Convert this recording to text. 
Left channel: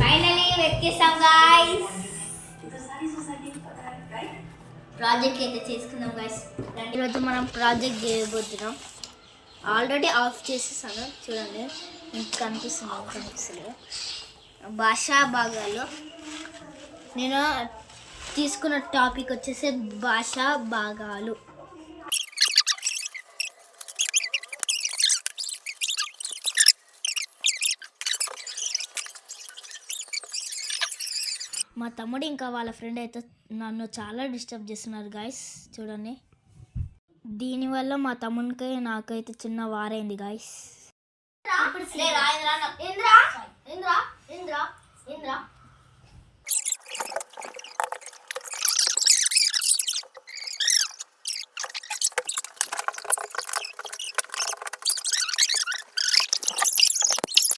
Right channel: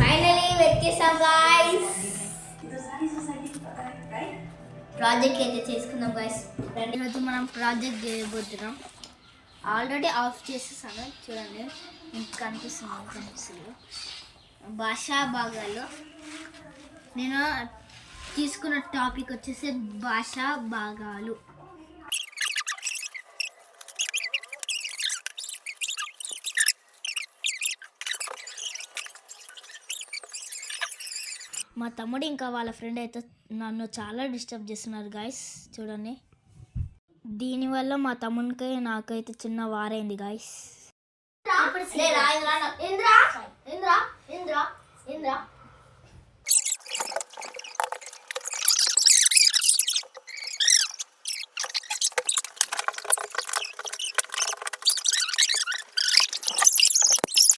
Finally వెతికేసాం guys. Project అయితే చేసుకుందాం guys. ఈరోజు మనం ప్రాజెక్ట్ చేయబోతున్నాం. ఆల్రెడీ ఆఫ్ చేసేసాను చూడండి, మీకు కనిపిస్తుంది భాషా భాగాలు. నేను తీసుకున్న టాపిక్ వచ్చేసి భాషా భాగాలు. మా తమ్ముడు ఇంకా వాళ్ళ ఫ్రెండ్ అయితే నన్ను చాలా డిస్టర్బ్ చేస్తున్నారు గాయస్. చూడండి, దీనివల్ల మా తమ్మునికి నాకైతే చిన్న వారైంది గాయస్.